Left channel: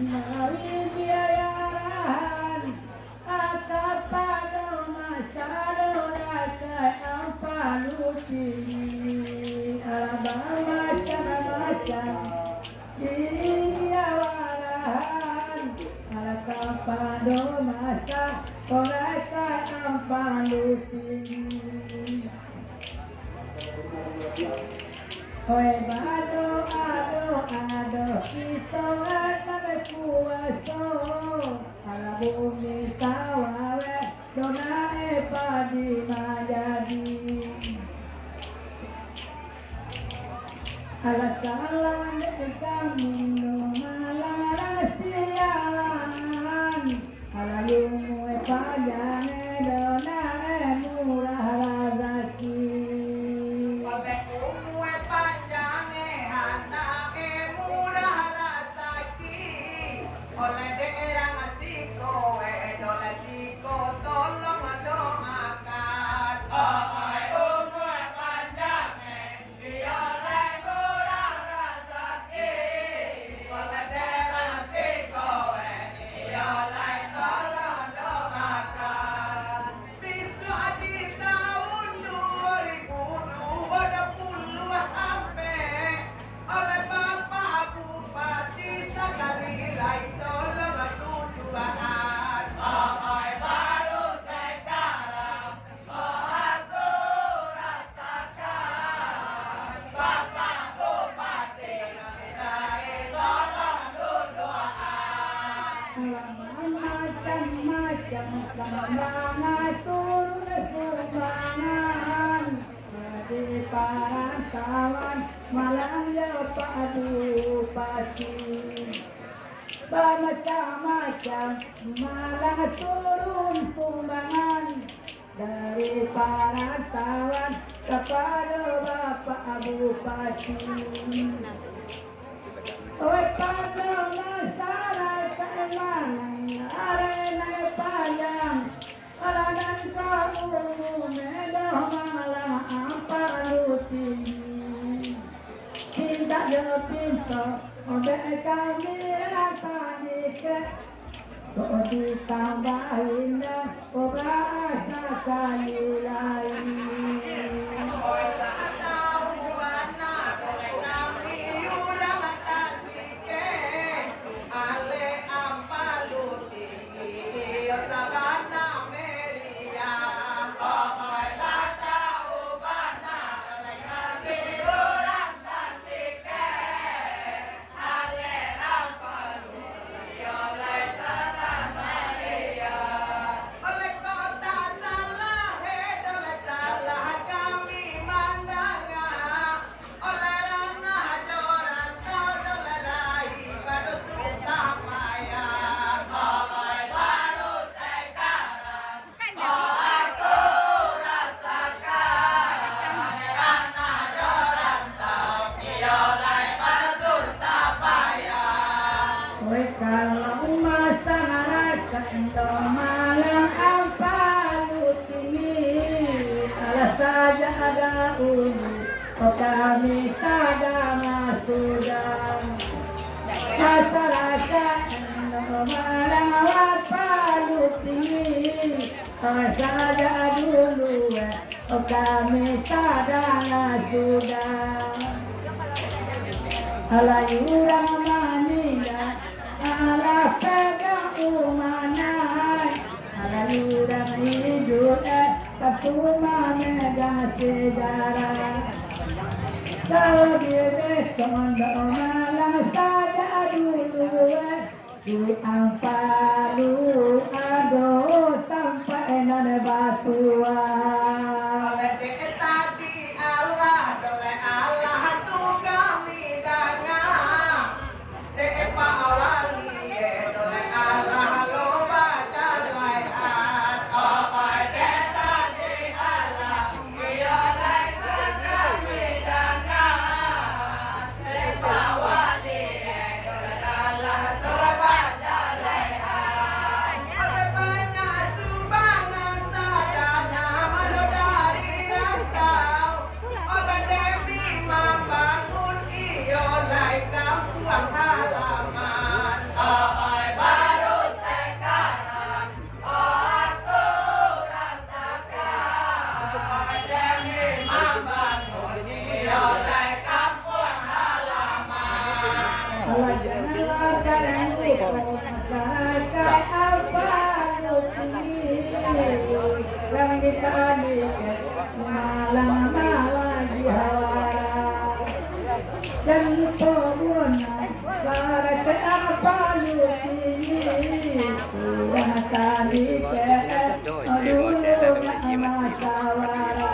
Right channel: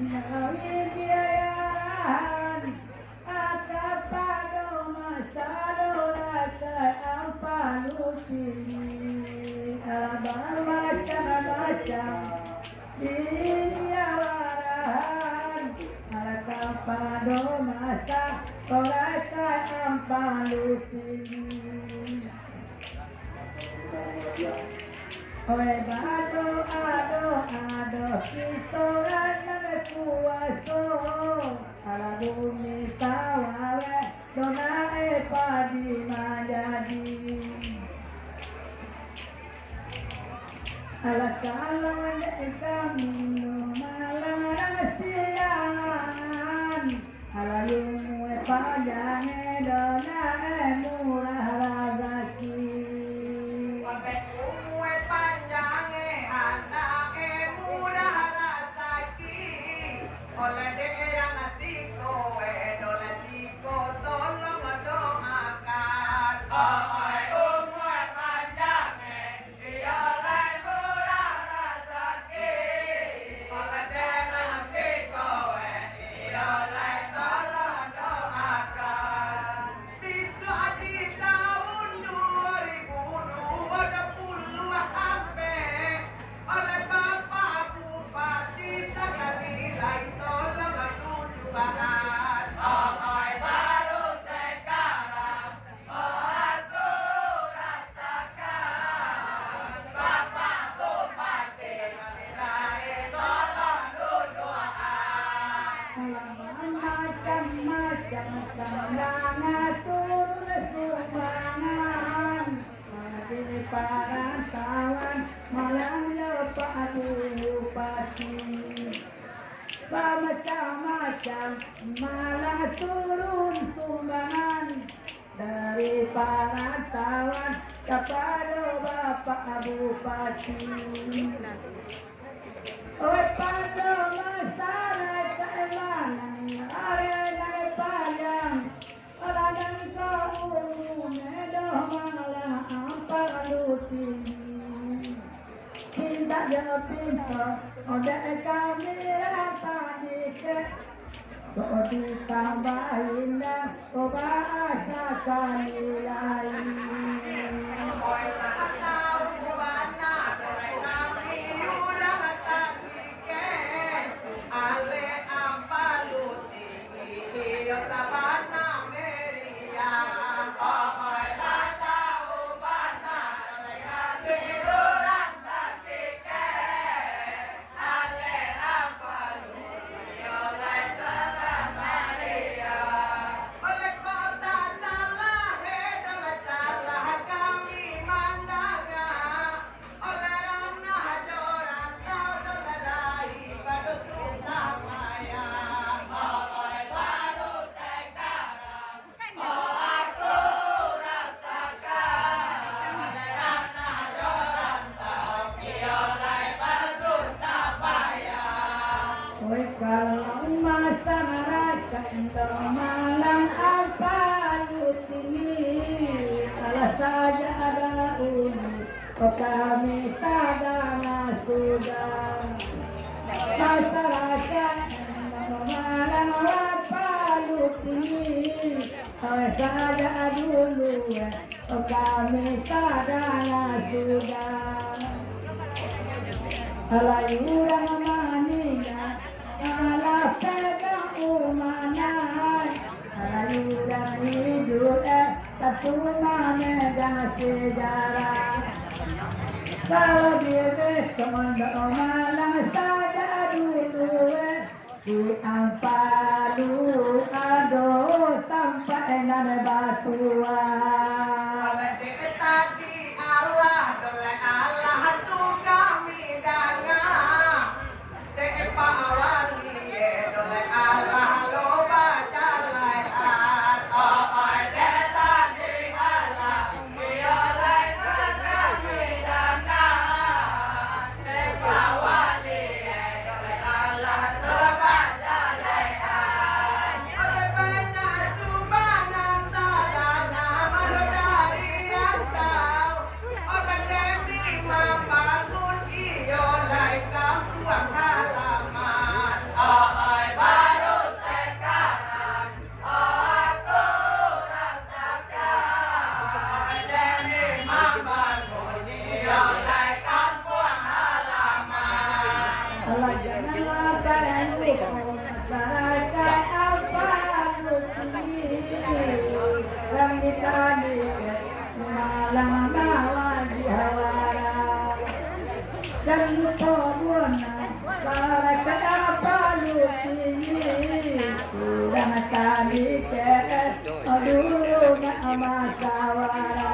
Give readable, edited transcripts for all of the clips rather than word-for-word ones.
Nawidiaran Atapado Masado Rakai Ampaluci Alabang macam-macam Diawarahan Atapado Masado Rakai Ampaluci Oe bado ado kita name kuaso ala bumi tawawe donae padi majadi ala kalan kami no malarang siangan ala lumu padane donae murah rezeki oleh daerah asiko dola siko tolong doakan umur panjang dioleh murah rezeki oleh daerah asiko dioleh tolong doakan bisa di tahun 2020 sampai oleh Bapak Bupati sekali lagi tolong tujuan pokoknya baru sekarang aku rasakan Bapak Bupati sekali tolong doakan macam-macam sandangan turun sumbangan di perantauan malang Pak Bupati macam-macam malang turun sumbangan dari perantauan kepada Bapak Bupati. Oi pada masyarakat Malang arena panjang alanan kau medah malah Ampaluci cinta jauh pinta odeh kami rapani ke so ditambahin kau bahasa kali lain. Kalau masyarakat Malang Ampaluci salah saja ada unit kami sadar sudah masyarakat Malang Ampaluci salah saja dulu kami sadar sudah alayurang manila ala pegang umanai alayurang hidup katuna megang sejarah kalau dia kondo Malang saja dulu di Ampalu aduh sampai nane batuan tadi Allah dole Allah tu kami danga te pawali dole Allah lo baca laihat oi de tadi Allah yo lai kami danga te pawali dole Allah lo baca laihat masyarakat apa nuti yang ditani malang lagi hawara dan pun masyarakat apa nuti sudah tani ke dulu masawara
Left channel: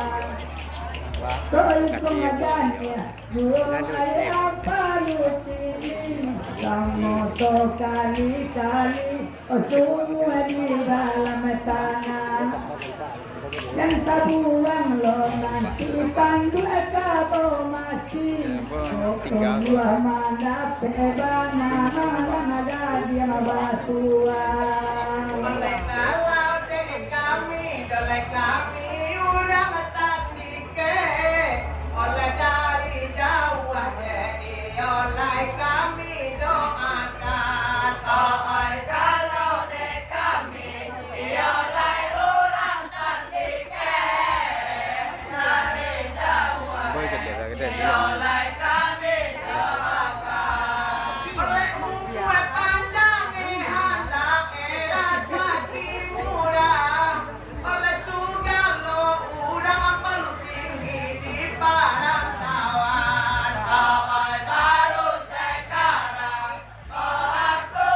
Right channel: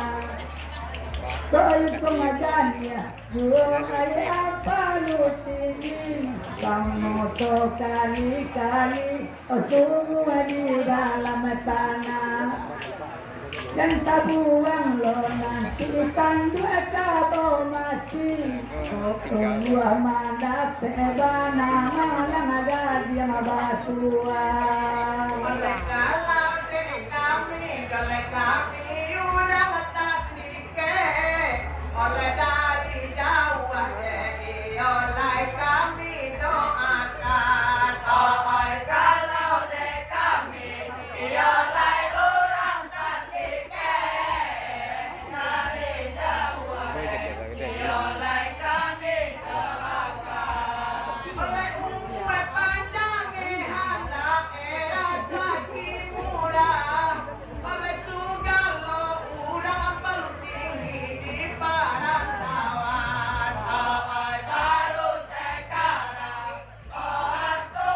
kau pengadanya buang air apa nuti kamu kali-kali semua di dalam tanah yang tabuang lo nanti pandu atau mati semua mana pebana mana ada dia batuan kalau dek kami oleh kami udah tadi ke oleh dari jauh oleh kami doakan oleh kalau dek kami oleh orang tadi ke dari jauh oleh kami doakan oleh umat panjang hendak era sakit murah oleh segala orang paling tinggi di parantauan awal baru sekarang aku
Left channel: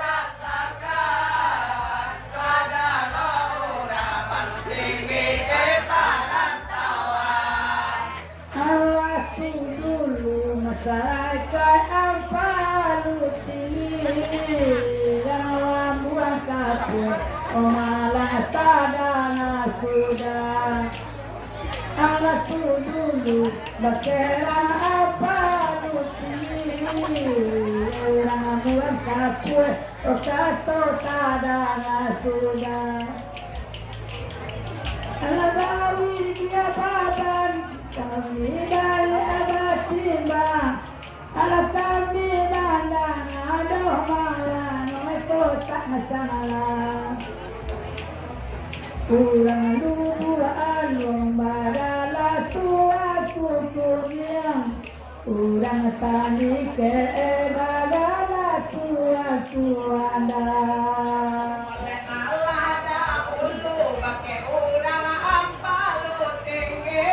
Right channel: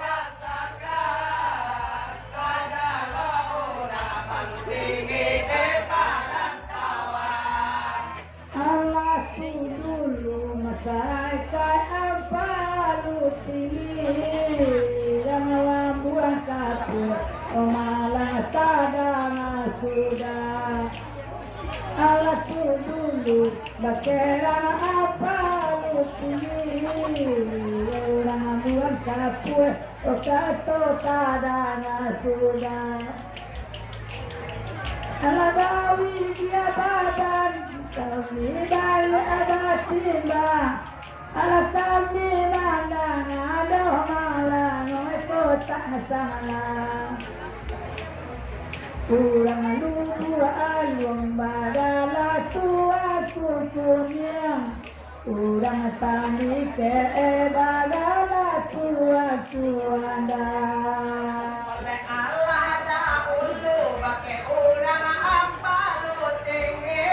rasakan segala orang paling tinggi di parantauan Allah dulu masyarakat apa luti dan awam buang kapur malah sadana sudah Allah dulu bakeran apa luti orang buang kapur kato sadana sudah Allah bawi dia badan kami dari abad timbang Allah kami landang ada malam itu tak salah kurang lupa alung badala tua kukunya kurang tani ke badala tua kuanda oleh Allah dahulu pakai orang apa lu tinggi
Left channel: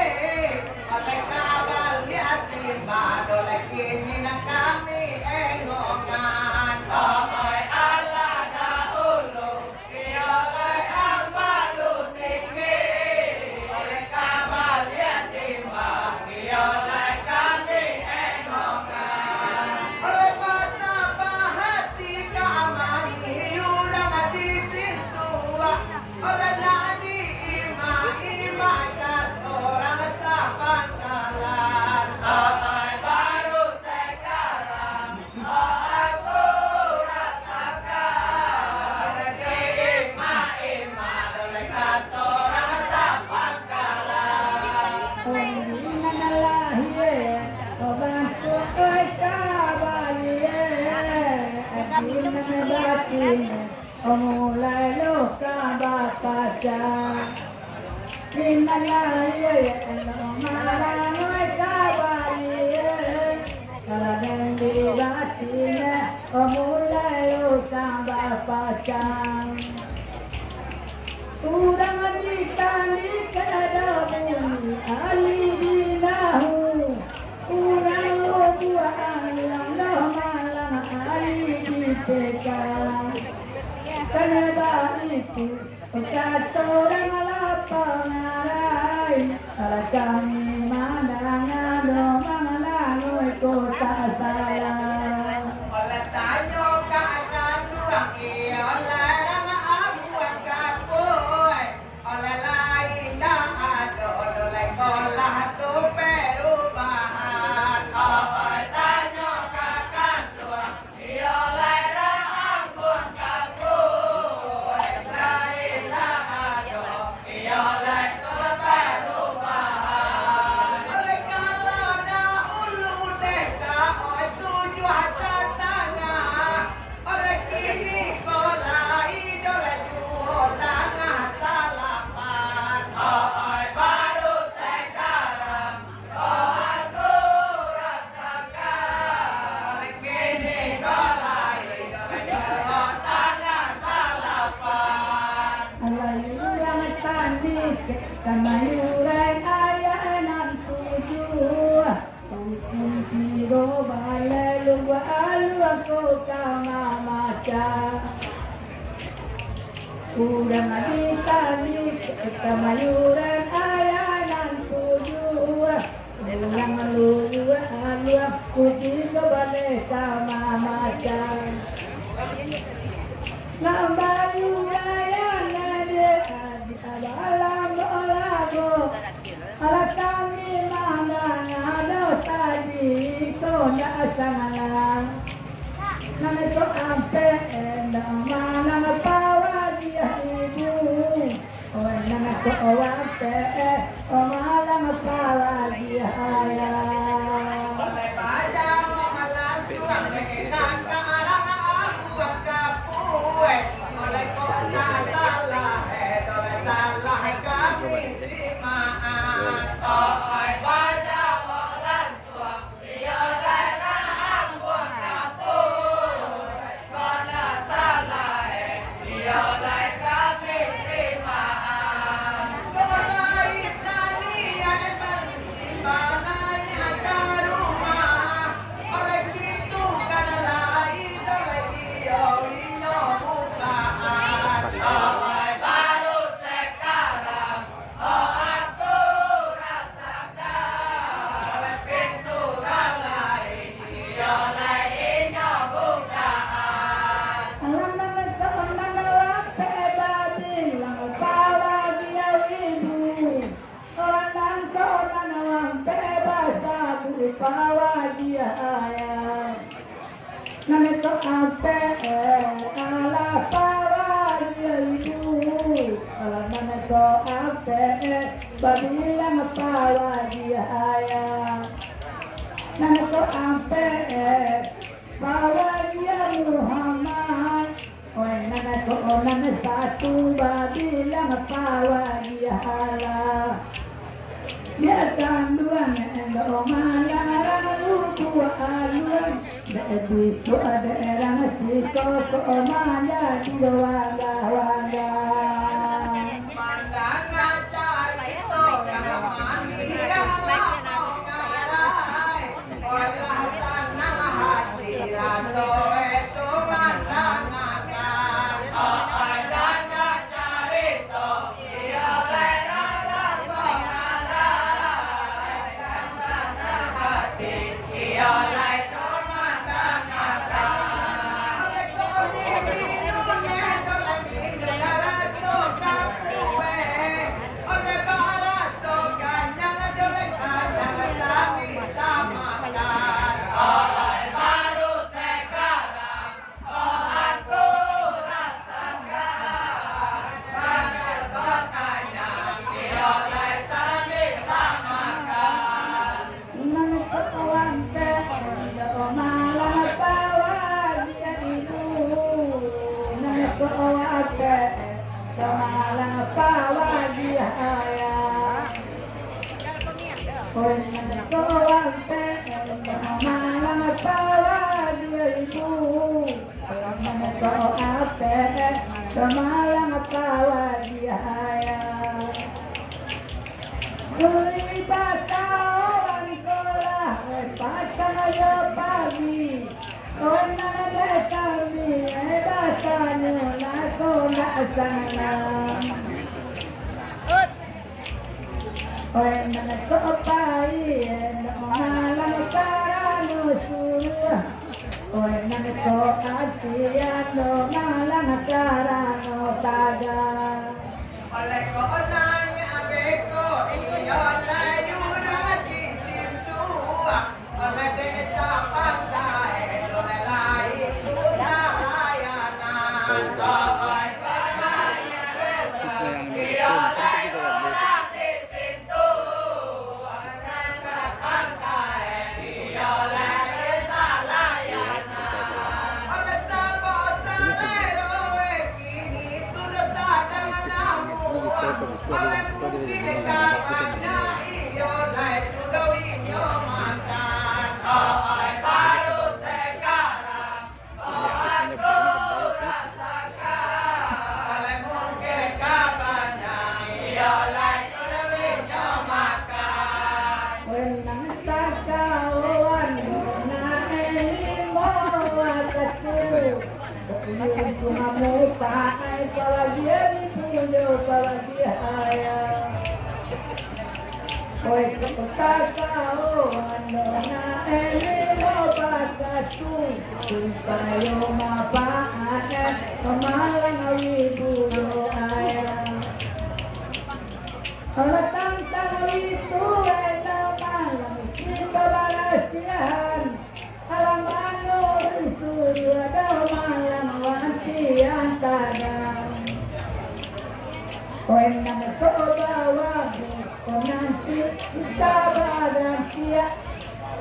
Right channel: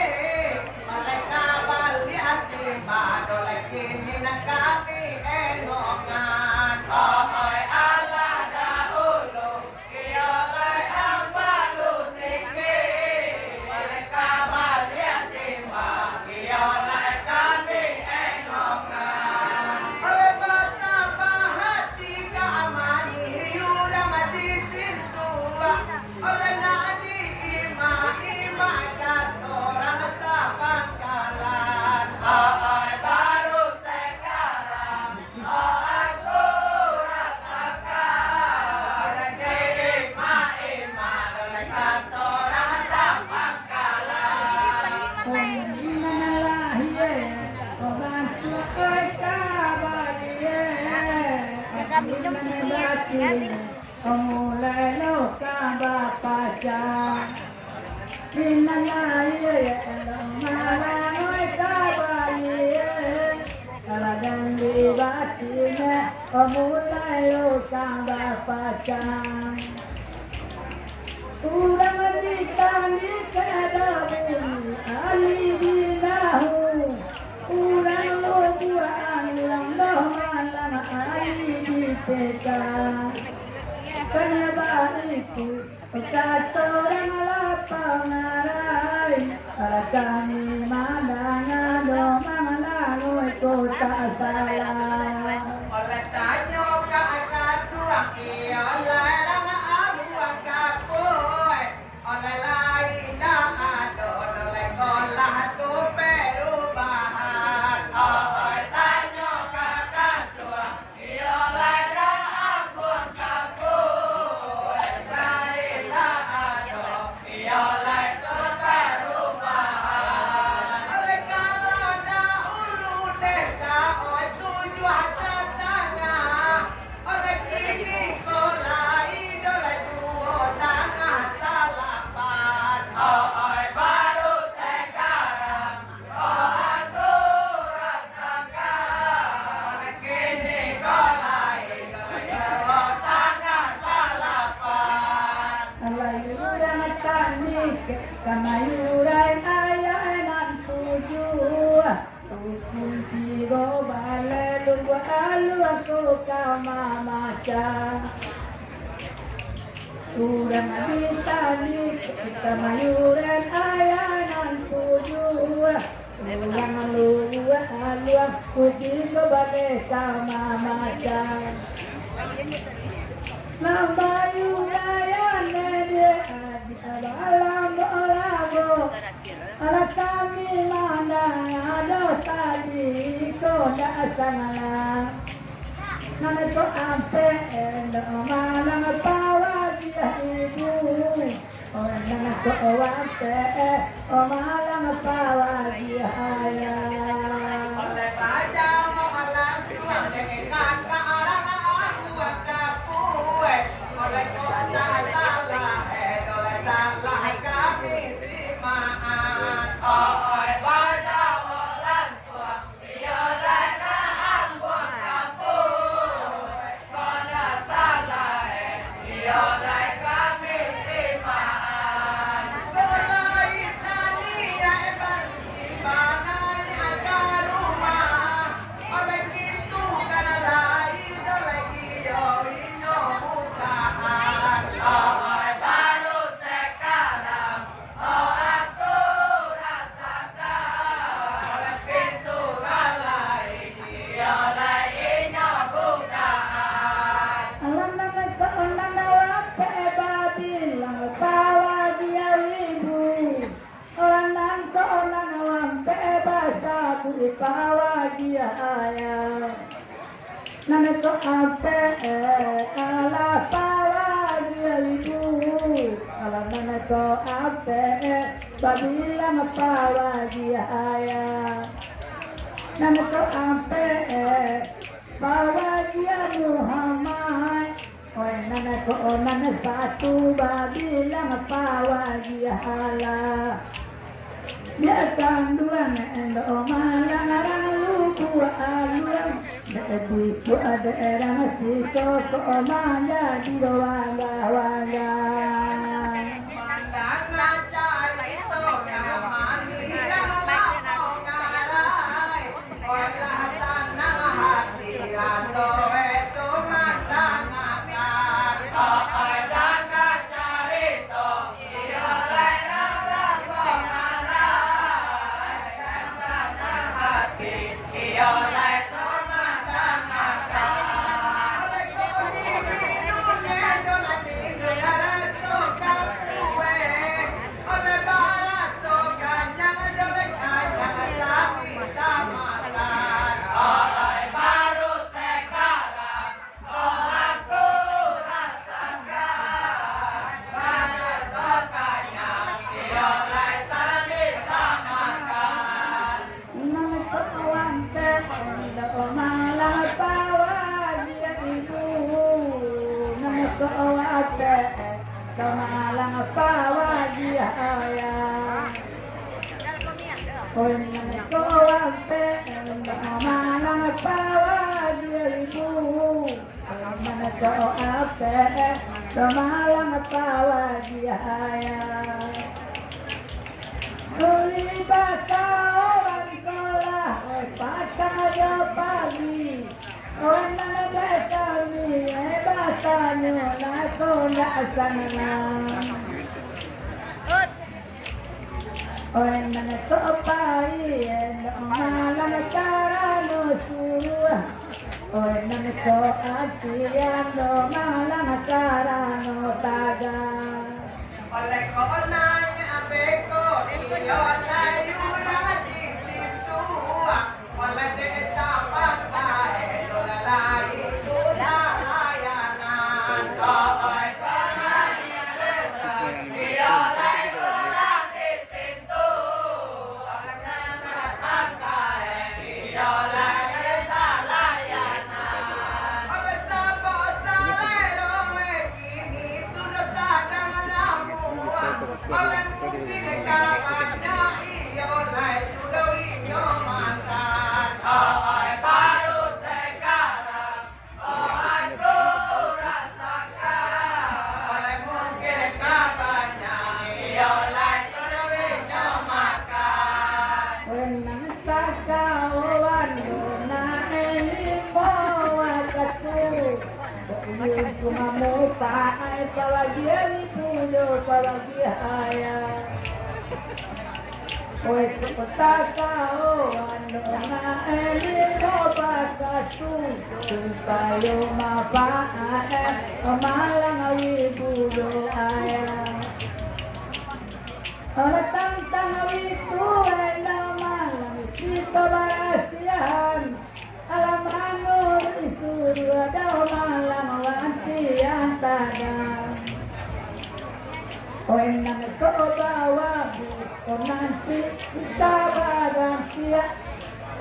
oleh kabar lihat timba oleh kini nak kami enongan oleh Allah dahulu dia oleh apa lu tinggi oleh kabar lihat timba dia oleh kami enongan oleh betapa hati keamani udah di situ oleh nadi ima kata orang sapangkalan oleh baru sekarang aku rasakan oleh ima oleh kata orang sapangkalan Sudah ditani kada bumi alidinahu Urang lo buang yang dah malam aliditeka Kenapa itu kata orang lapang arai Para kami mandang domang lalu kota salah oleh tanya keadaan ruang oleh ranga abuan kapoy oleh lain dah ada oleh kolah tu perubahan oleh tanya keadaan ruang oleh ranga abuan kapoy lain dah ada oleh tu perubahan oleh kalau dahulu deka tujuan kamayuran ayanan tujuh hukum kiro balai lunggu alu aku kama maca urang abitani kamayuran ayanan tujuh urang alu aku kiro balai kama maca Lambayu raya nade adi abalam olago ala kami mana ada tadi ko na sana nana ko ampe endo mana pawa dia ibu o nana ko wate o mana pawa dia ya oleh baca mohalan suang dengan ke arah aku kapuai oleh kota salah oleh salah kami simaan oi baca mohalan suang dia lera ambon kapuai kota salah dia lera kami simaan mulai tadi yang bersimpanai ada rumah oleh gitu kan lain oleh dia wino bukaan oleh baru sekarang oh aku rasakan oleh pintu lain dia lainnya bukaan alam nama ko nana wate babi lang pawa dia ibu orang nan ko nana wate basa bu pawa dia ayah nana ko ampe ala pawa dia ibu ala nana ko ampe babi lang pawa dia ayah nana ko ampe pawa dia Muhammad oi nana ko nana satu babi lang pawa dia Allah dia tanduan endo malang luku aluan bebi tu ada erang siko ko mala di wanga wanga Pandangan cari toga mani yang lama ngarai olah sana hati raso itu mandangan oi jangan cari to iya lerang lambang ngarai sana hati iya lerang mandangan oleh kodi minumnya oleh minum raso kapuwe oleh baraso kanyang oleh kanyang sapi samakan oleh baru sekarang oh aku rasakan baraso kanyang oleh sapi samakan nana ko wante endo malang pawa dia ibu nana ko wante samalang pawa dia ayah oi nana ko wante endo malang pawa dia ibu alam nana ko wante samalang pawa dia ayah Uli bata orang sekolah, pasang aja pagi. Orang nana kami, batanya nak sekolah sana. Orang nana sopai, malam cara no suruh. Orang nana soatian, malam cara no taga. oleh konanya beko iyo layu di situ oleh desa pantai oleh lain layanan oleh konanya beko iyo layu di situ oleh desa pantai iyo lain layanan oleh sabot salero kini tudo sadang oleh mungkin kawannya iyo lai tudo inyo makan oi baru sekarang oh aku rasakan oleh mungkin kawannya iyo lai Yung kumamupa ay palagyan ni Pulo, palagyan. Oy, kapunta ka o ano na elimo pagkatung kung tayo mapaanan, pamalang awibulo ay. Alatang tangawito ay naman lang isip barasihan. Alamano isurya daw malang wansiyan tagang. Oy nang bawa ko nanti sabaran siya.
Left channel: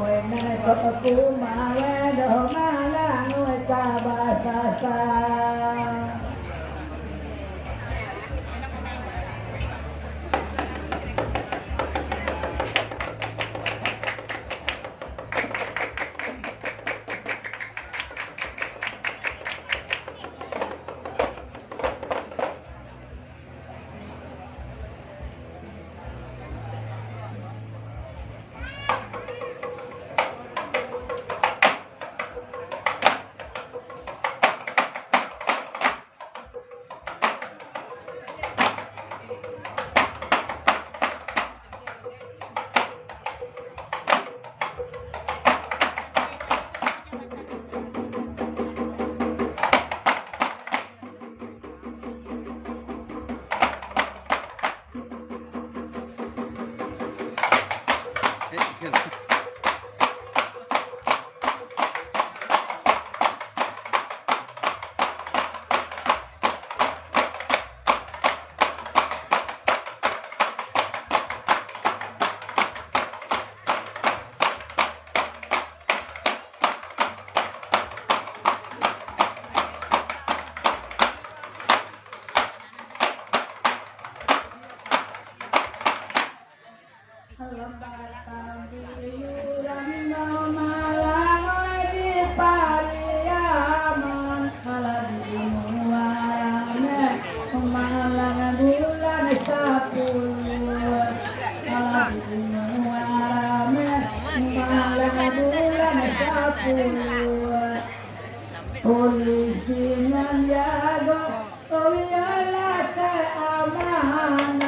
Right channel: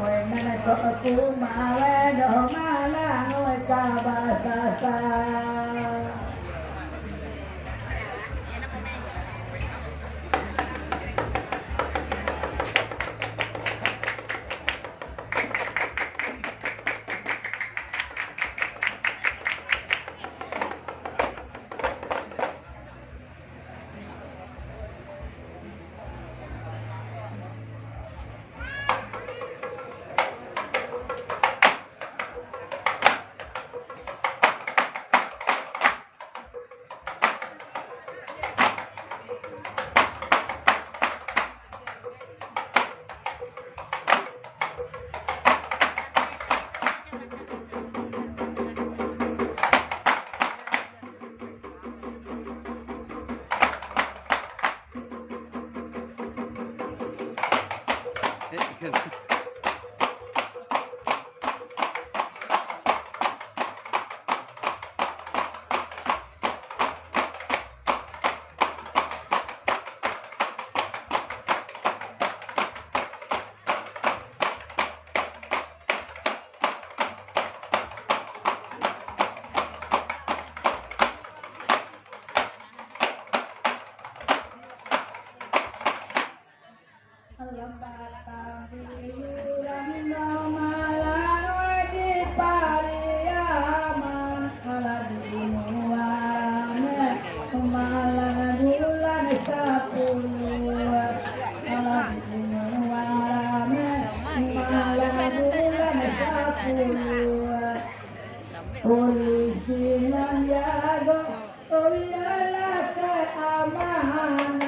Oy nang kumawe do malang oy kabasasa. Polisinan yago, oh yala keamanan,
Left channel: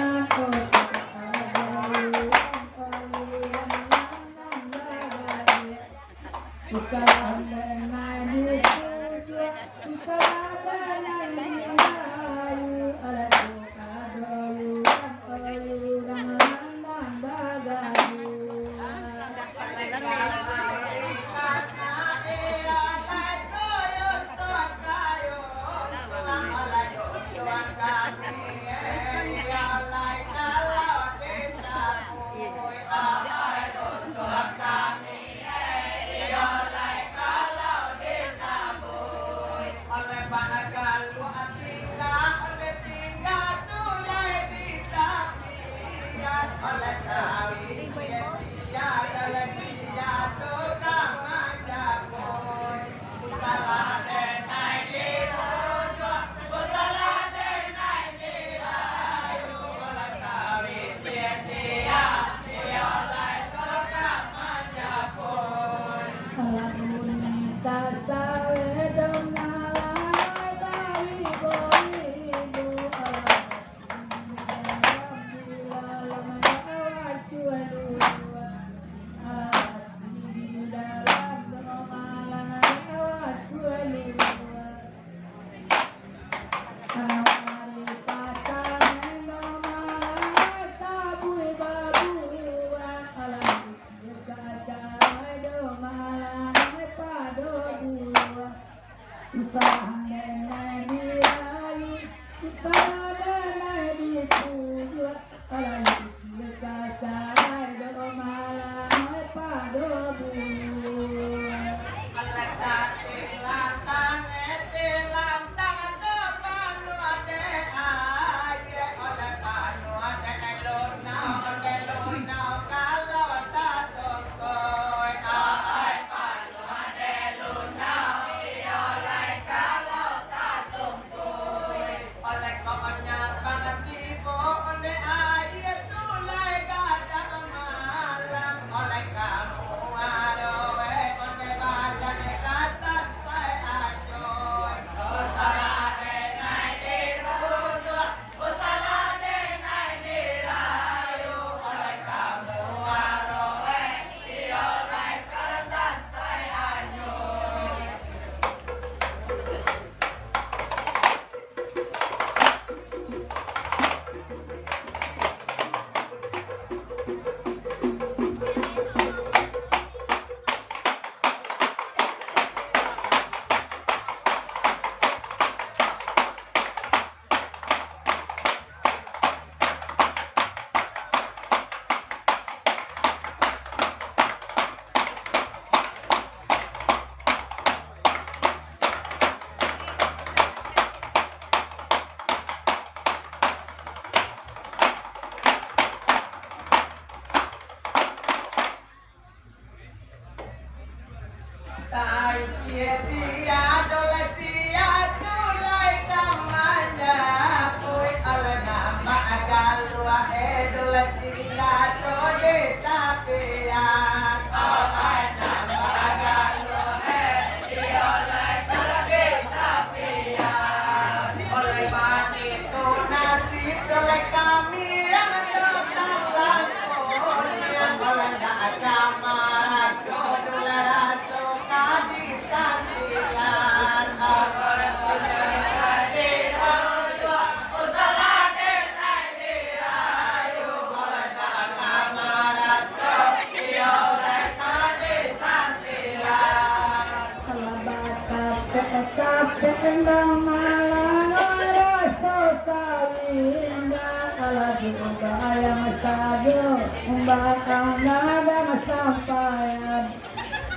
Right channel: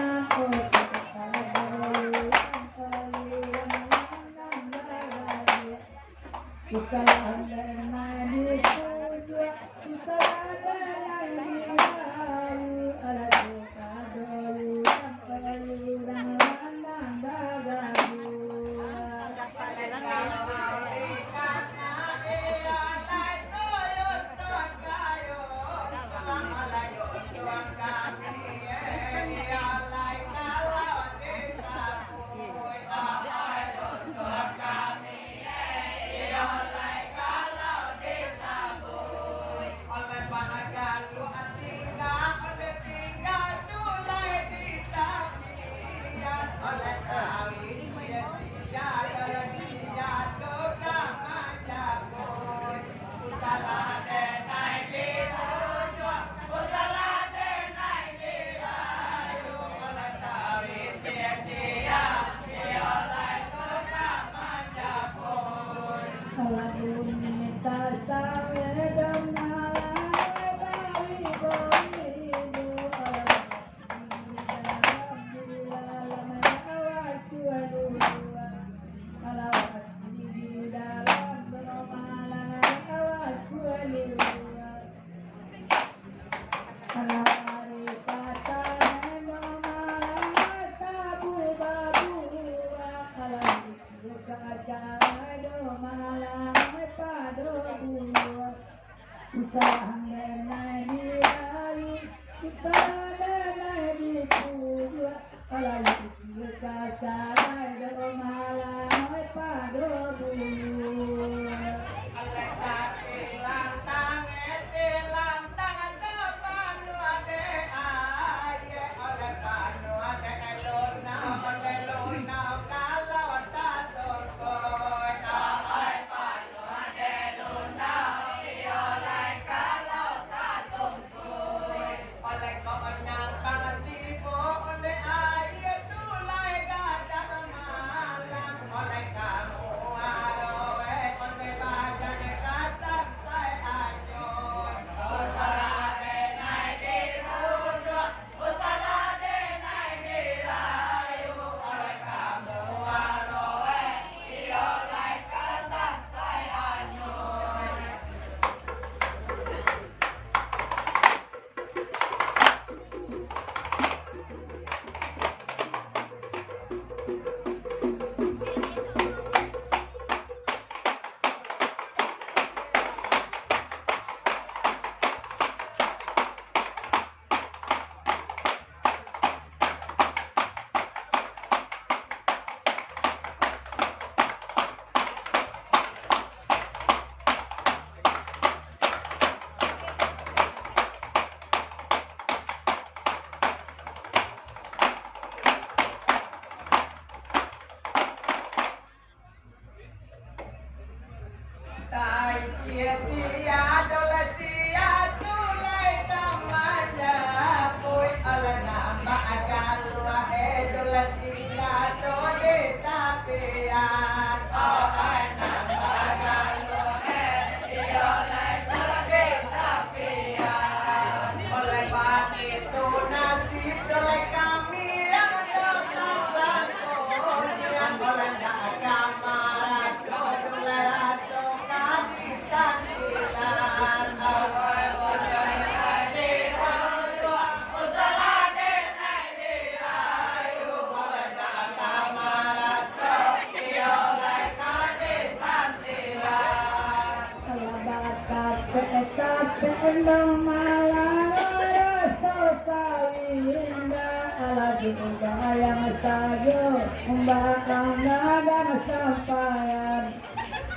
Tendang malang rasa kawinda alagi bayang sajo bakal naga sampayan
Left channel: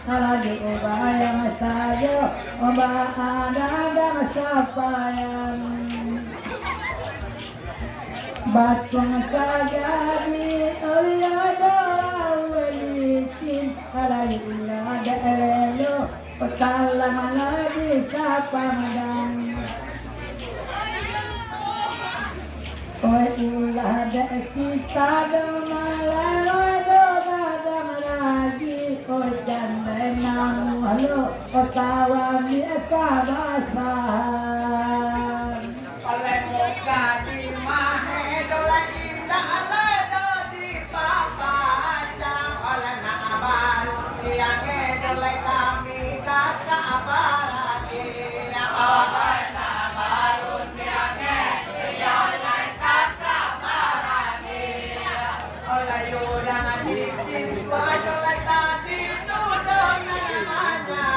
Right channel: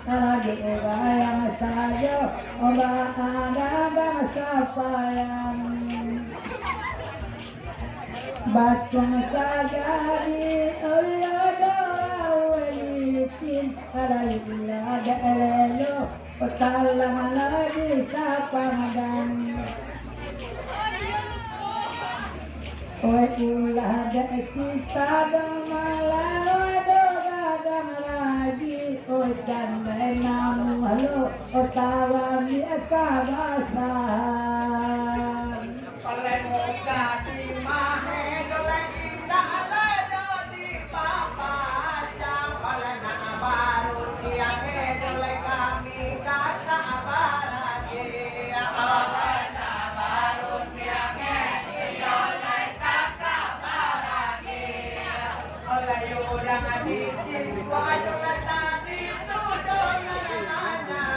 alagi bayang sajo bakal naga sampayan batung kajadi ayada walikin alagi ada elo petalang lagi sapamadan oi ulah ada kita malah doa lagi oi janda namu halo otawan di kabasan oleh muka di mahe doleh indah ledo di papajang oleh nak baru tiang doleh kami kakak baragi oleh nak baru tiang doleh kakak baragi oleh yudang di jiwa doleh tadi tudon namanya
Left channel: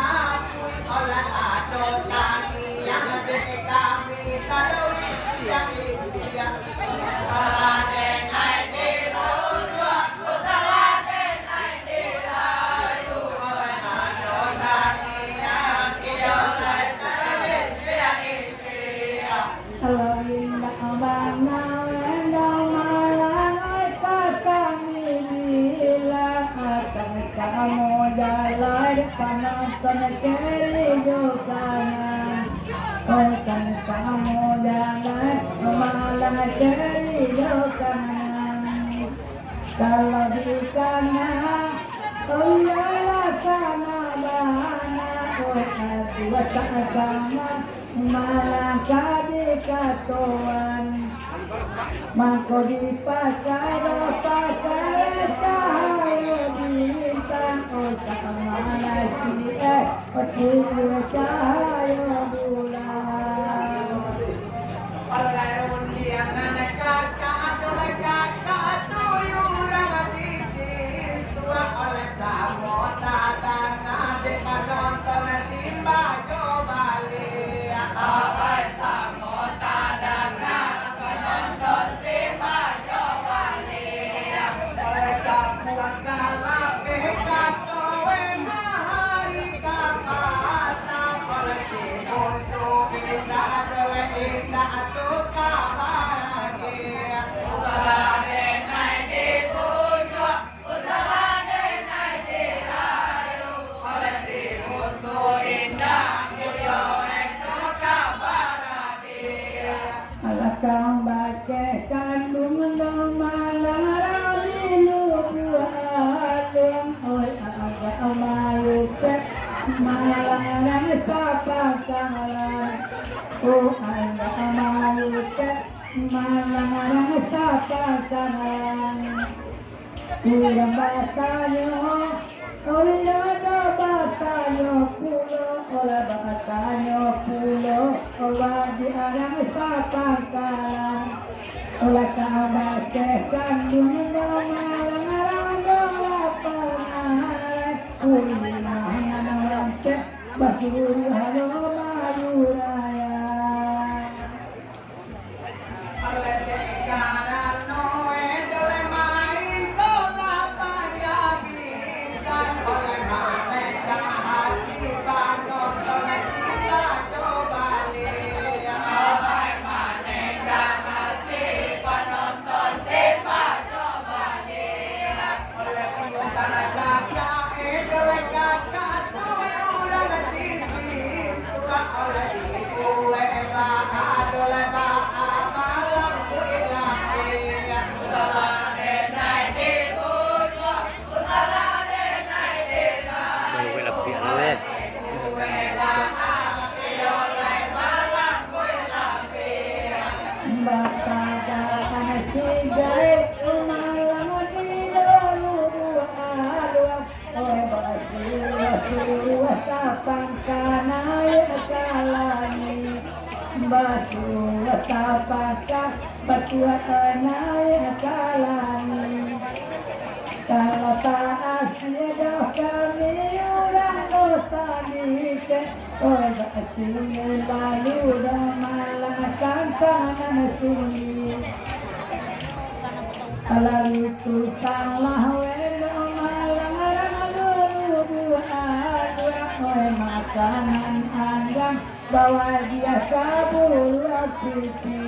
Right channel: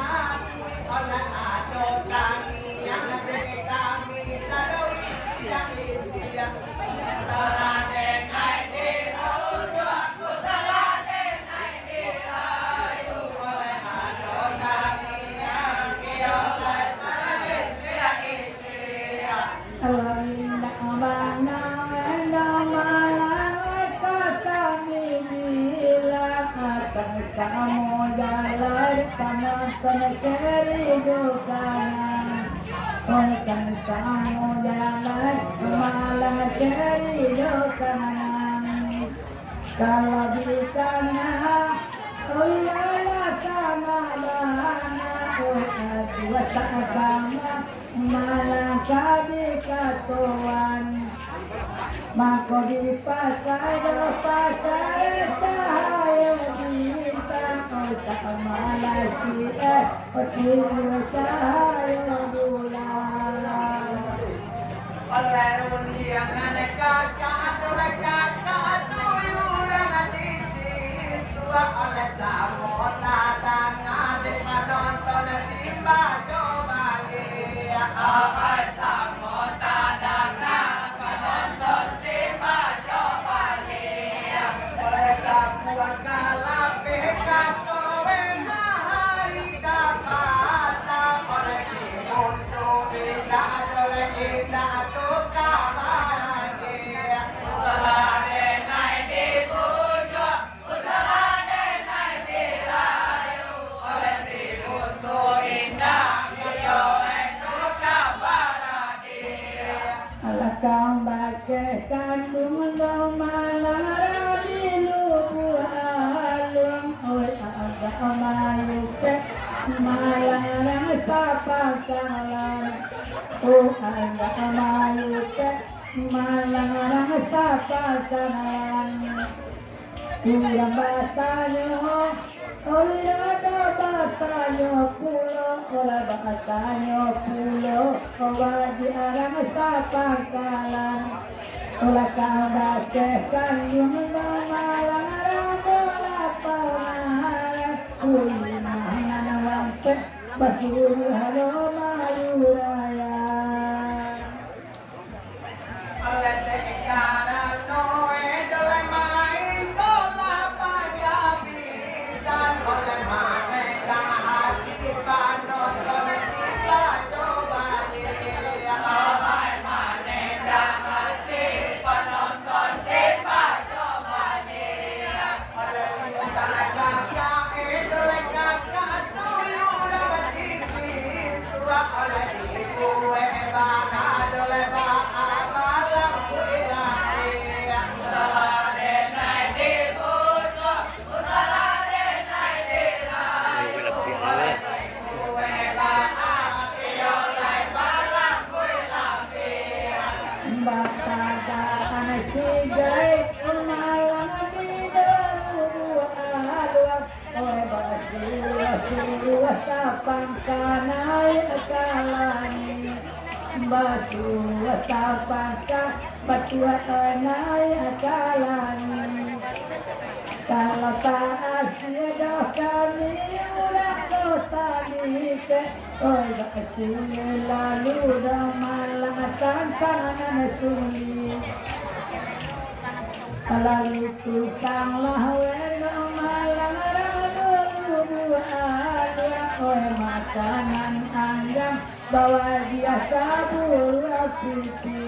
oleh adon kami yang kami tadawi siang isiang saladen ai di rayu saladen ai di rayu oleh adon kami yang kiolai tadawi siang isiang alawin abang nawendang malang kami bilang akan kamu jalan penonton keri dukangan akan kamu jalan malang keri dukangan kalau di sana Allah sana bana dua sama malang kadi katuan mako di pasar cahaya bintang oh sama lagi petir cahaya bulan oleh undiangan kakak oleh kakak tuyuran di situ oleh samota tangan di penonton timba coba lihat oleh samota tangan penonton timba coba lihat oleh sapuan kalape kacowe mahari kapata oleh timun su indah oleh indah tu kamarage saladen ai di pujo saladen ai di rayu oleh timun su indah kiyoe tu kamarage alakang baca kandung malang radinu bualung oi agak mayuke malang sapakalan oh agak mayuke malang sapakalan ulang batanyo oleh ada batanyo pulo oleh batanyo pulo wadi arang sapakalan oleh kabace kandung malang randola panare ulimahan wante basuri halo maduraya oleh dekana noe dole main bola pada pisan oleh manekang hati panonton tiba coba lihat oleh manekang hati penonton tiba coba lihat oleh bintang jaga dole kakak tuyuran di situ oleh ibu eba dole malam ilahi saladen ai di pujo saladen ai di rayu oleh ibu eba kiolai malam ilahi batada anasigai malang dinalu bualung oi basi wasapang kanai kalani batu wasapaka batu kanai kalani kalau tak ada kami orang dosa dike, oi kasih lalu dah malam tantangan sunyi. Lalu tukanglah wena malam lalu dua oi makanan anjang bawa dia sabur pipi.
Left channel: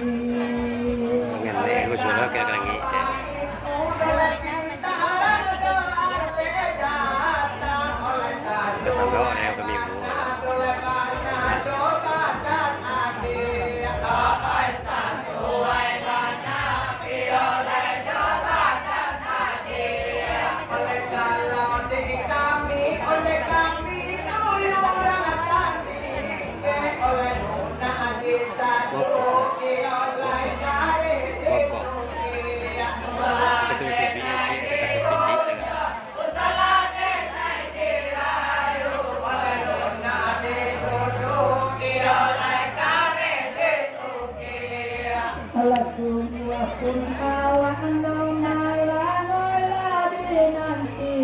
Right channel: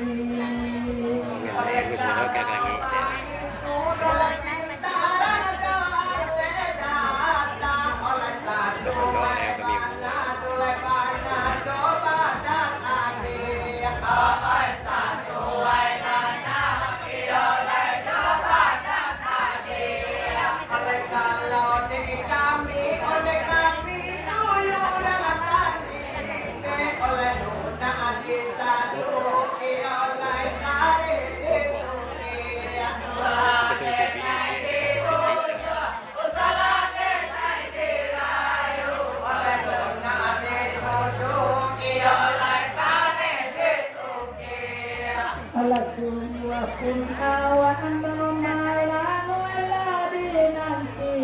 Pun awan malam lagi nanti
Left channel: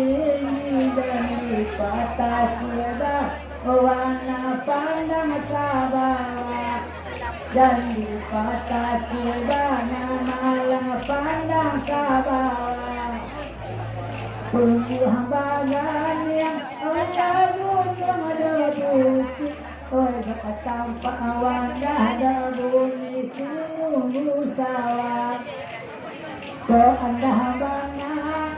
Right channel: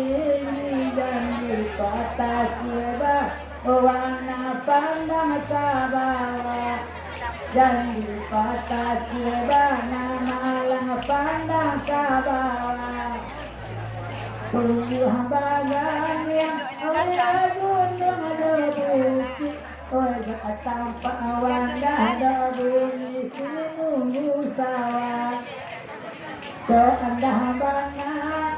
dan di patah tiada warna pandang sabawa dan di patah tiada malam pandang sabawa tumbuh bagan yang oleh gunung debu oi tanpa awan dah bunyi sungguh sawah ke anda bangat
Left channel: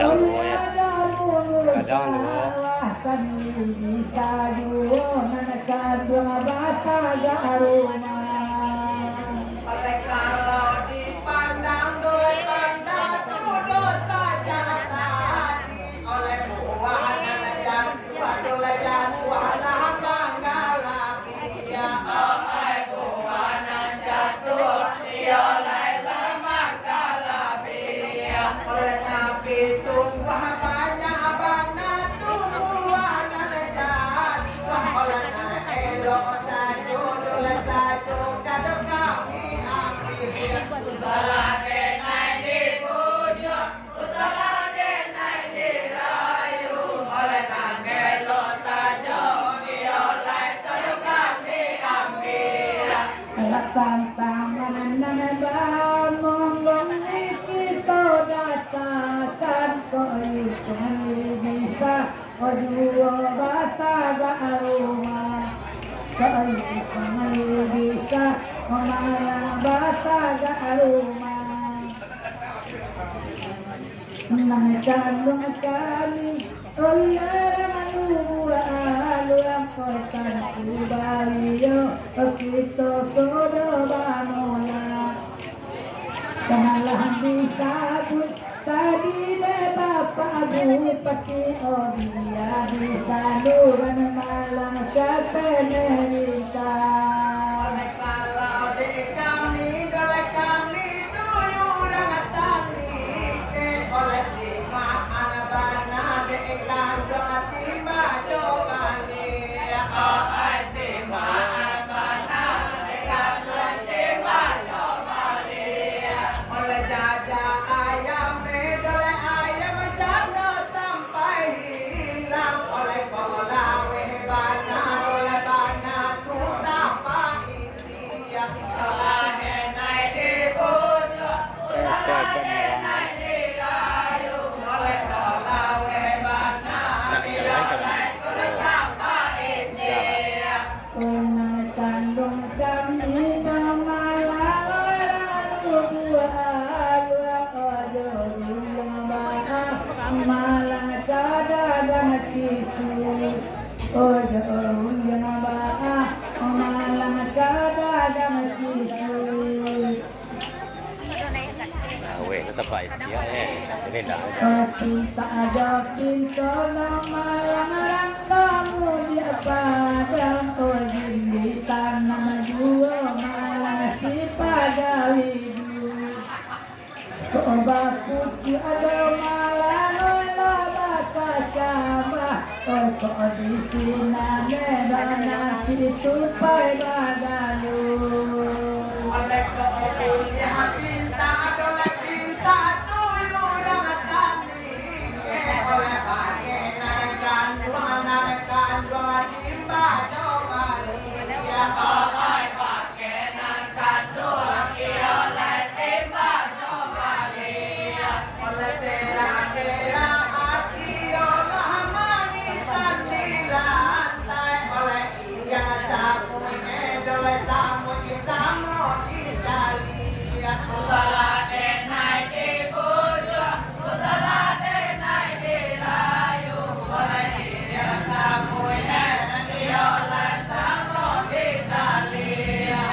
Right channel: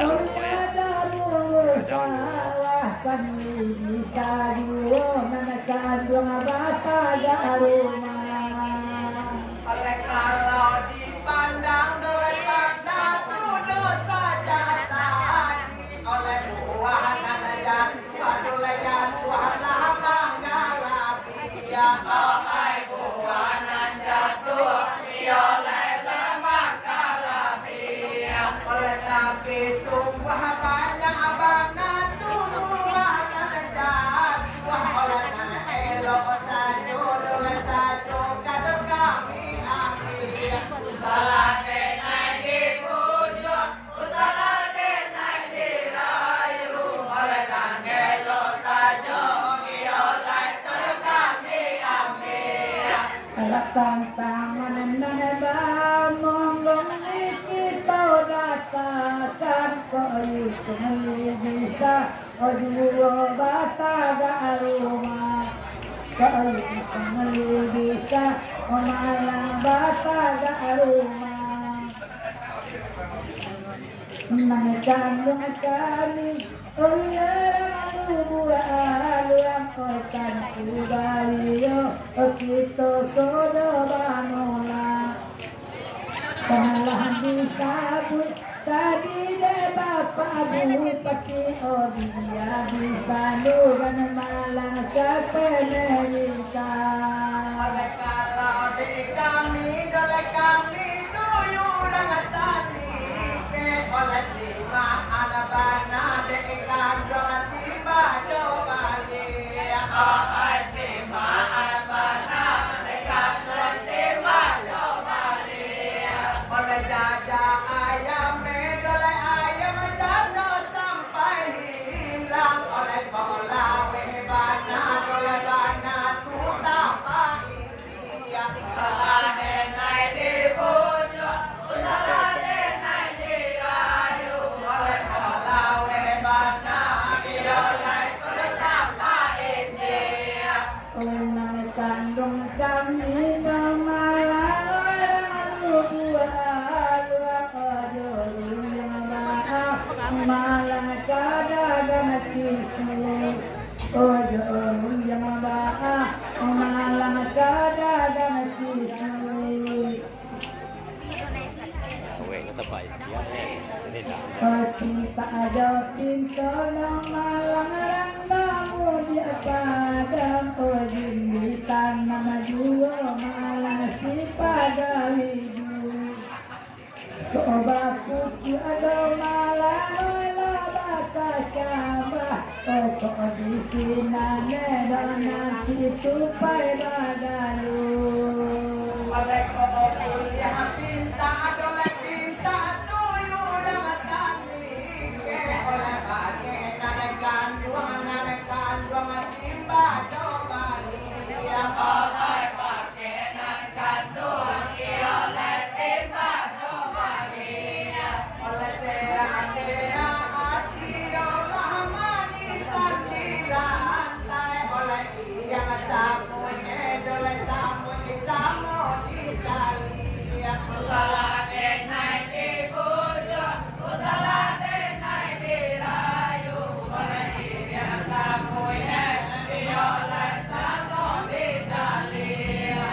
oi ada bunyi sawah kan bisa dua menekan dua bata rumah oleh kalau dipandang oleh pandang tu dosa jangan tadi oleh buah dan jatuh oleh jatuh lah bangga ya ai buanan jatuh oleh lemak kalabia oleh tapi sungguh banyak bana buah dan jatuh oleh elok saja oleh saja kado kami ambil salah naik di pujuk salah naik di rayu oleh elok saja tantangan nana monggong kita datakan koi bisa dua bata rumah koi bisa malah bata rumah menegandung kami kan kubaliyo kita todo bamula janganlah disabut tadi deh bapak bupati dia bisa nuran malang kepenerita oleh kalau di kami tuyuran tani oleh lima anak bana de kandung timba coba malang kada dan kitu ojo yang baa malang kada dan kitu kita ada pintu malang kamu di padang ojin di tanah dua malang si pagawi coba putih ada malang kok di sini dan itu pada galu oleh kau yang pinta adalah pinta tuyul yang tani samo Italia Usala denai di pujo Usala denai di rayu Oleh diri samo di oleh samo Italia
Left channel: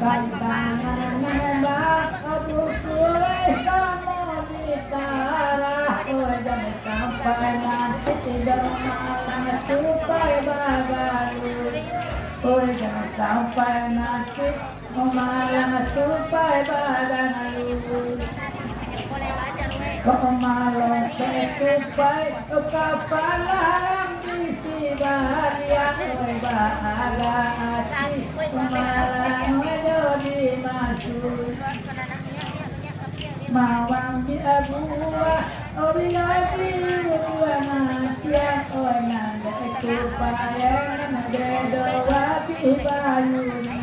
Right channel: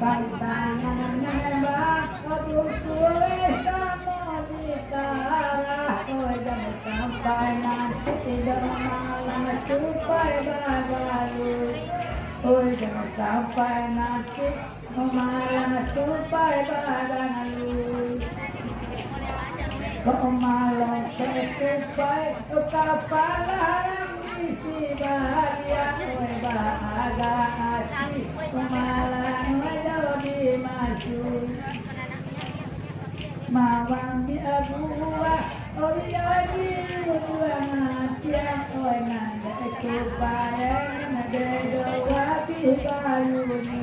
Pantangan nembak Abu Sule sama bicara Oh jangan sampai nanti tidak malam tupai bagalui Oh jangan sampai nanti malam tupai bagalui Kau malam tupai kapal haram di Sibaria Oh bahagia hati malam jadi masuk Mawang di abuah Oh dia di buang tiang Oh nanda kupayang Nanda doa di bayunya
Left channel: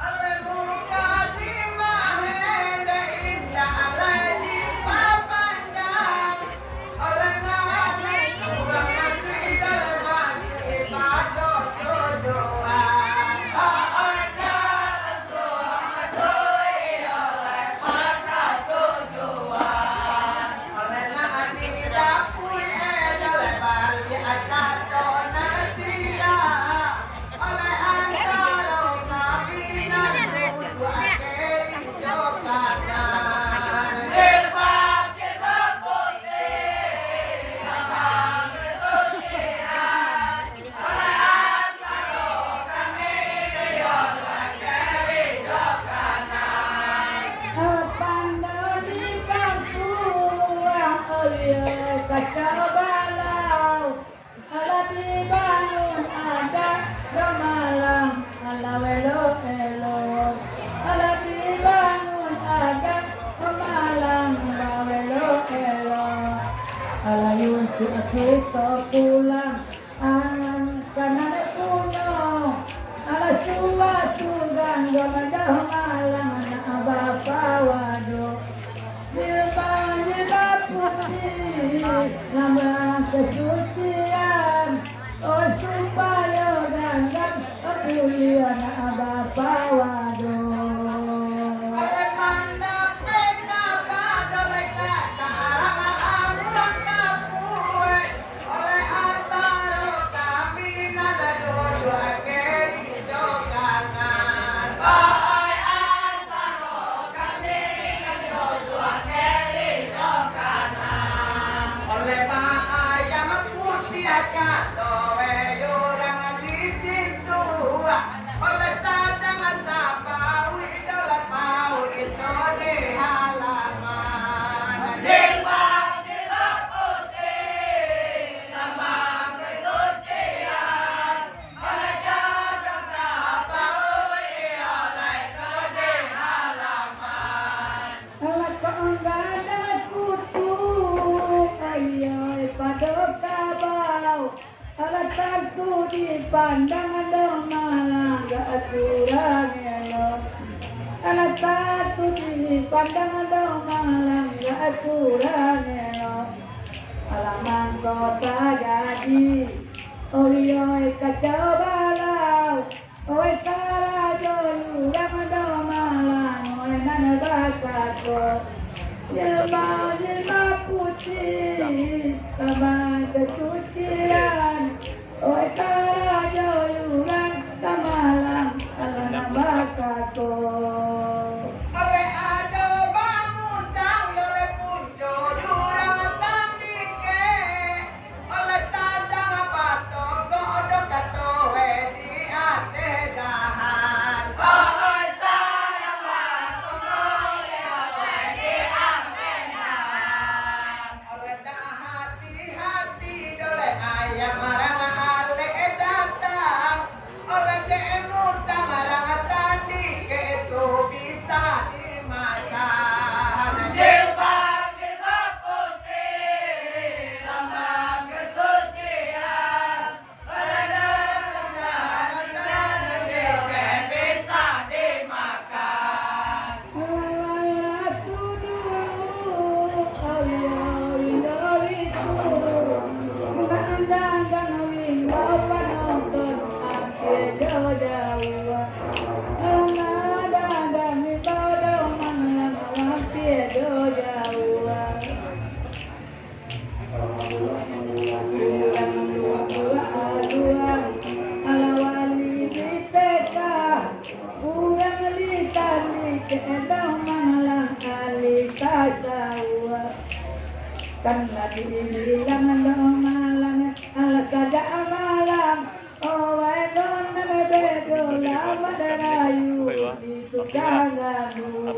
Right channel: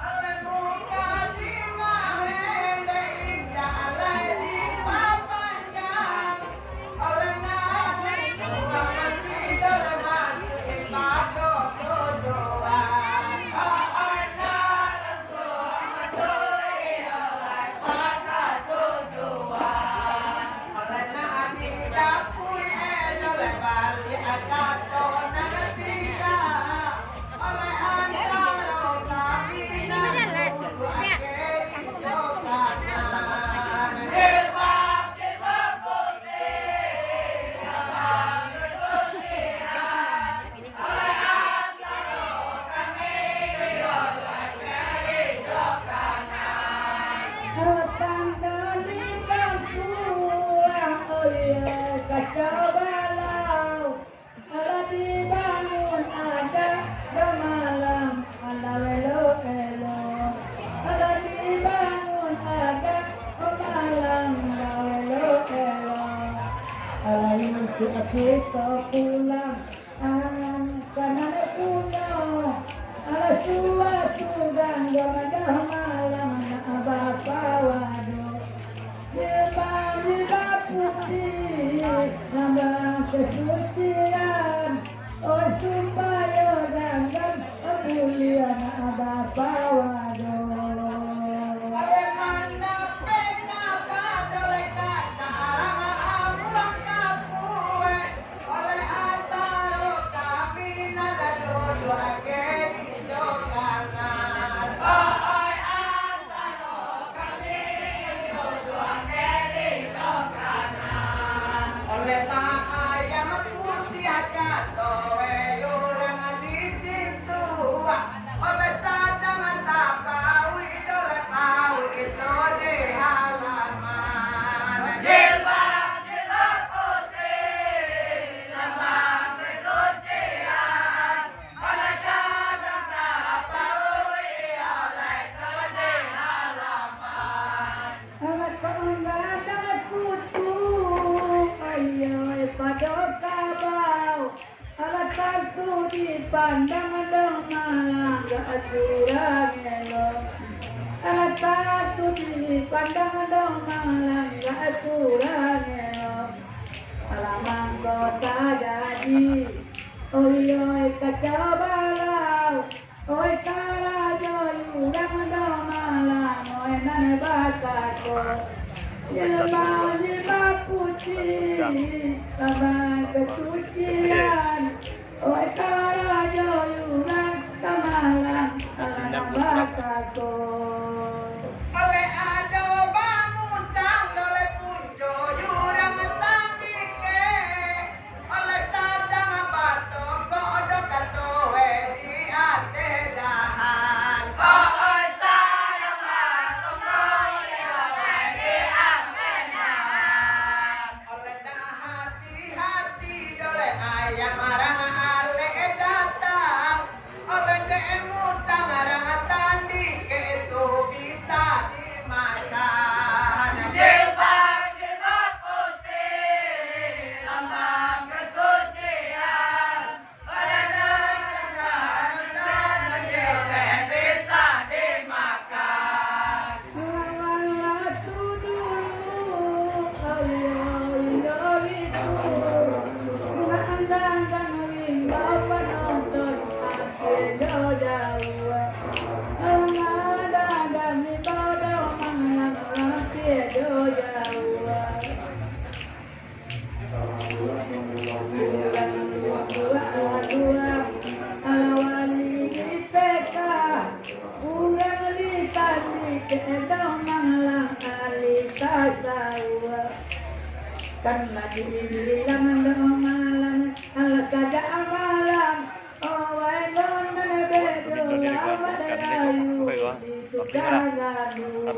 oleh muka di mahende indah alai di papanjang oleh nana tua mati dalam mati ibadah tujuan oleh nana tua masui oleh mata tujuan oleh nana di dapur oleh bali akan tona sila oleh antara kami namun akhiri jokanan gerbang gerbang putih abang kesucian oleh antara kami namun akhiri jokanan Pandang di kampung, oleh kacau balau, ala dibangun ada gamalang, ala welo elo, ala dibangun ada gamalang, welo elo, ala yuntu kita pulang, kanan puno, ala suatu dan gamadah malam na abapa wado. Jebak putih, lambang kesucian, oh supaya gandang kemuliaan abapa wado. oleh mana pengapa oleh kata arang amulang kapue oleh antara kami nada dodo akhiri jokanan oleh antara kami nada dodo akhiri jokanan oleh tak ayam putih kata weyurang di situ oleh sadang tapawi oleh mau itu di halaman jilbab jilbab putih lambang kesucian oleh sadang tapawi oleh itu di halaman Alat keengganan kutu, ayo pada kabau, alat kartu dipandang malang gak curang elo. Alat kartu dipandang malang gak curang elo. Alamang kota jadi, oi kacau balau, oi karajo yurang malang, oi nan bakako. Jilbab putih, lambang kesucian, oi karajo yurang malang, ala bakako. oleh ada bangusang oleh punco yurang tandike oleh sadang batong kodok katowe di ate dahan oleh sadang batong kowe di ate dahan oleh dah hati-hati oleh ayam marang ale datang oleh demu tangarang tandike itu bisa dimakan jilbab jilbab putih lambang kesucian oleh dasar tandike bisa dimakan Alatu dulu, ayo itu, nandang winda penonton akhir jauh. Nandang mi badau malang akhir jauh. Dua, alawali di peka, uang litan di kedau malang alita sawa. Karena dibilang malang, ala saja malang, oh wainon bedo lawa derayu di tukang gaduh.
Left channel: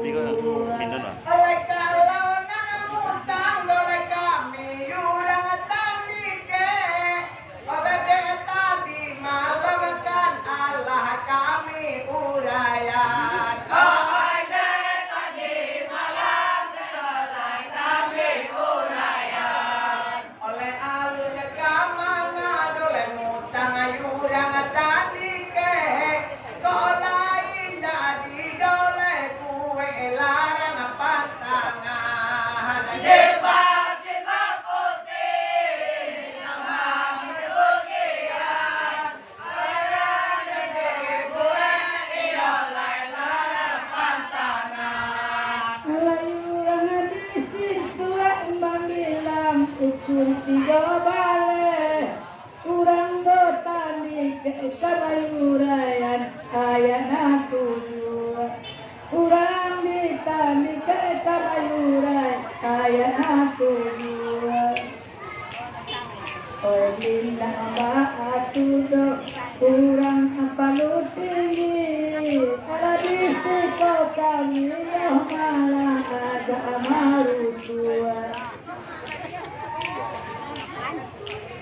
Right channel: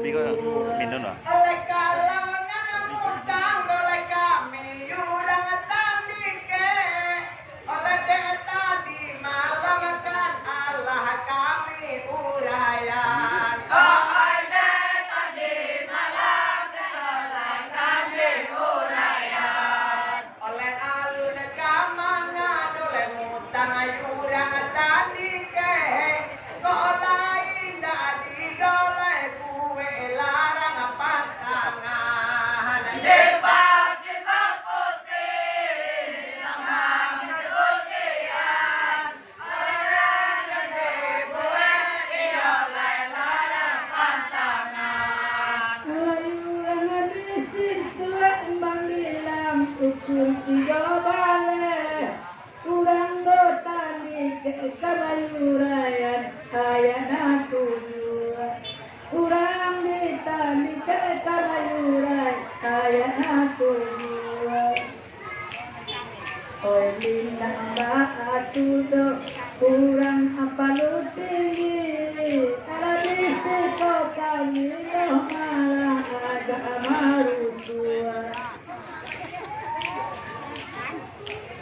oleh kalau nanamu sang oleh kami yurang tandike oleh deta di malang kan Allah kami urayan oleh deta di malang Allah kami urayan oleh alun kamangan oleh musang yurang tandike Oh linda batu do kurang palu tinggi ala disiko kami loh malah agak marutua.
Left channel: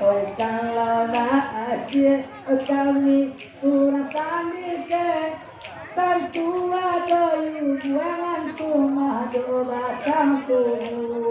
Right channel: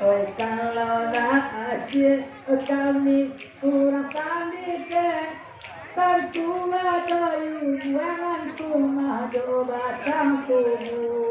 Oh kalau nak asyik kami kurang pandai tentu ada buangan rumah do batang tumbuh.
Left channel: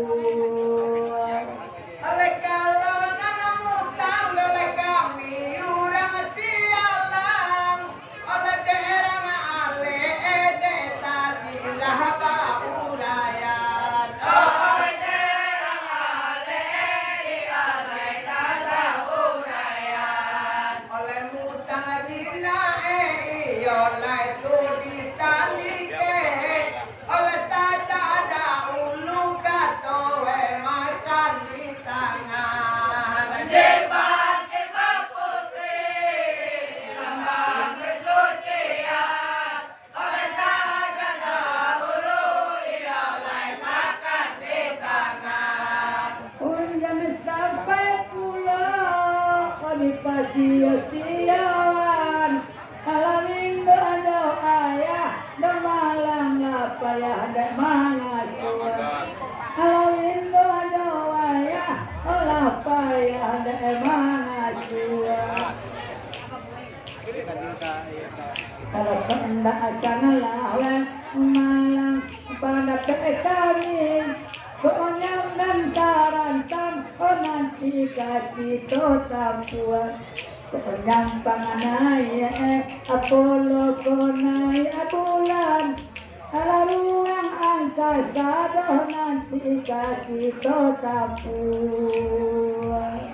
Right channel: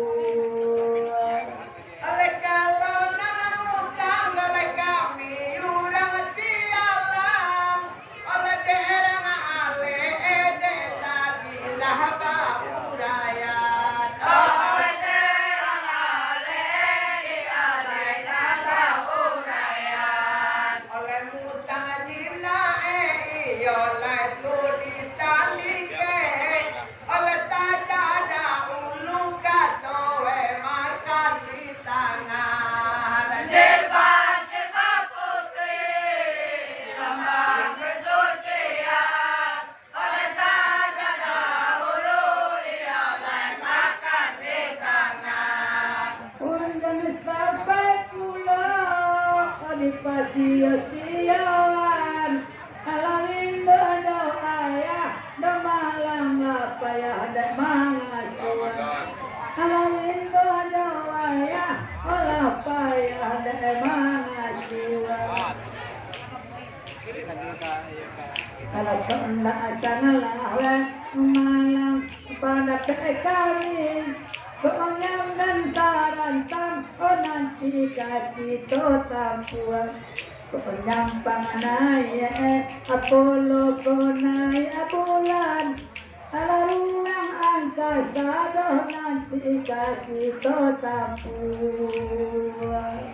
Oleh kalau nanamu sang oleh kami urang sialang oleh derang ale ede tadi lah baurayan. Oleh derang ale ede ale lah baurayan. Oleh musang jina iyo lai tu ditandike oleh saja ada ulu katowe makan di tangan jilbab putih lambang kesucian oleh saja ada ulu iyo lai makan di tangan. Undan sampai pulau di pasir-siaran alamin do ayah do malang lapaya dan mangasuan alamin do ayah lapaya dan mangasuan kalau hendak sana lawe malang pada kami konyang dan tarantang nanti kasih to tampuan konyang panganaya Apollo konai bulan ala ruang angkasa doh nanti kasih to tampuan.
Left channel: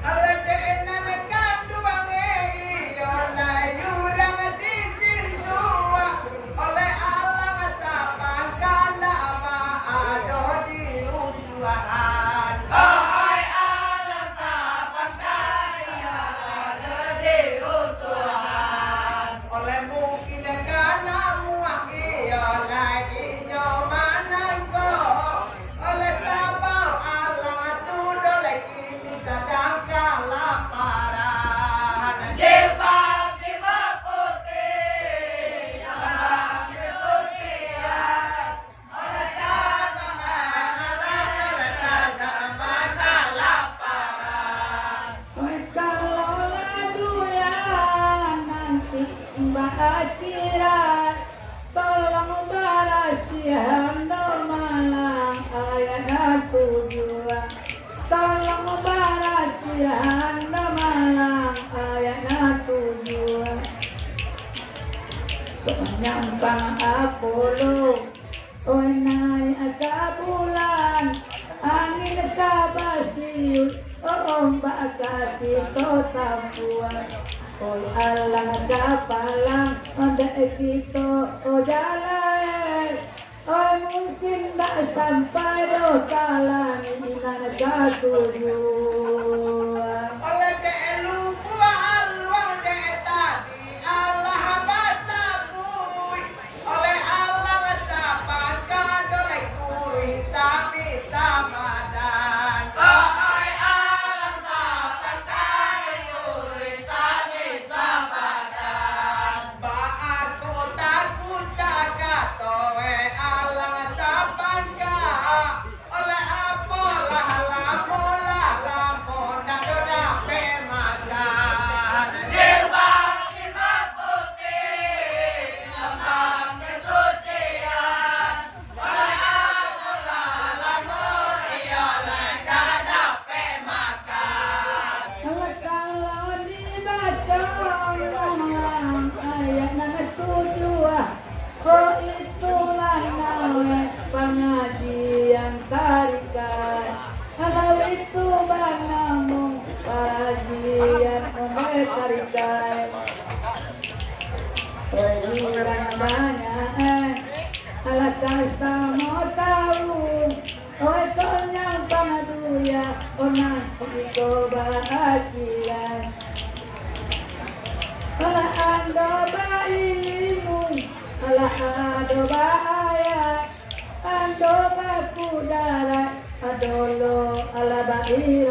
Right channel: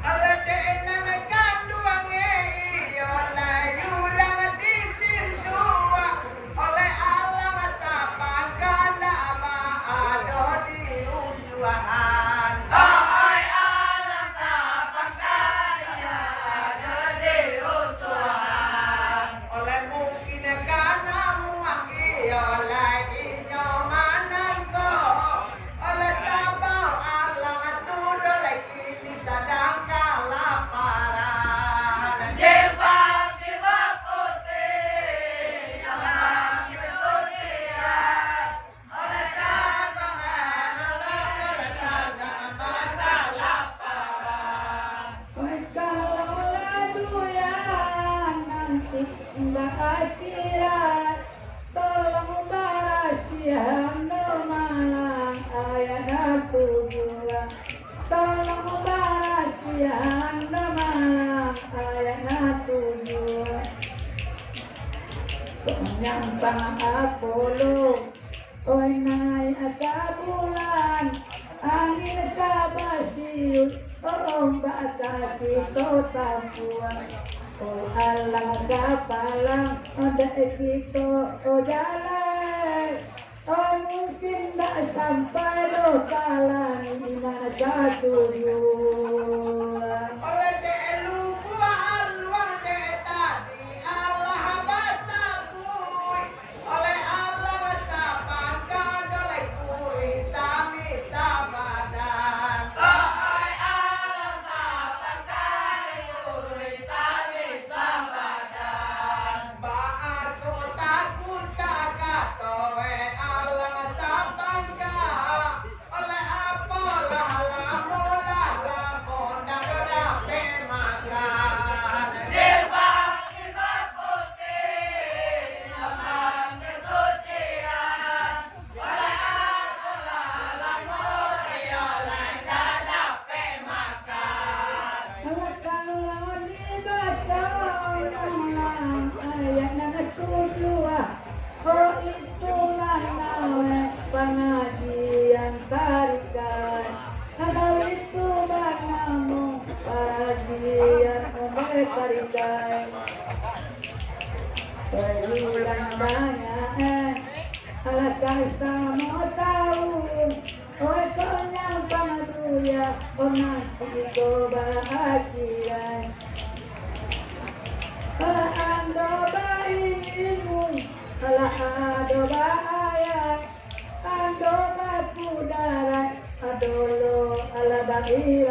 Ala deenan kanduang iyo layurang di sindua oleh alang sapang kana maado di usuhan. Ay alang sapang kana maado di usuhan. Oleh mungkin kana muang iyo inyo manangko oleh sabaw alang atudo kini sadang kalaparan. Jilbab putih lambang kesucian oleh sabang alam oleh sadang kalaparan. Kalau laduyan nanti mbak akhirat tolong barasihan do malang ayat tujuan tolong barasihan do malang ayat tujuan penyampang Apollo oi naik ada bulan angin kabasius ombak kasih to tampuan oi alang kapalang ada kita jalan oi mungkin tak sampai do kalan inan katujuan. Oleh delu buah luang de tadi Allah basabui oleh Allah sapangkan oleh kuri sami samadan. Ay Allah sapangkan kuri sami samadan. Ba aku takut jaga towe Allah sapangkan oleh apa lah lamola dan doda pemakan. Jilbab putih lambang kesucian oleh aku lah lamor iyo oleh dada pemakan. Kalau dibaca malang ayat nana tujuh oh itulah nawe pengajian tarikan kalau itu banamu pengajian tarikan Perhilang banyak alasan sama tahu oh konyang pangaduya oh nanti kau bahagia kalau anda bayimu kalau ada bahaya anda baku darat adolo ala bahira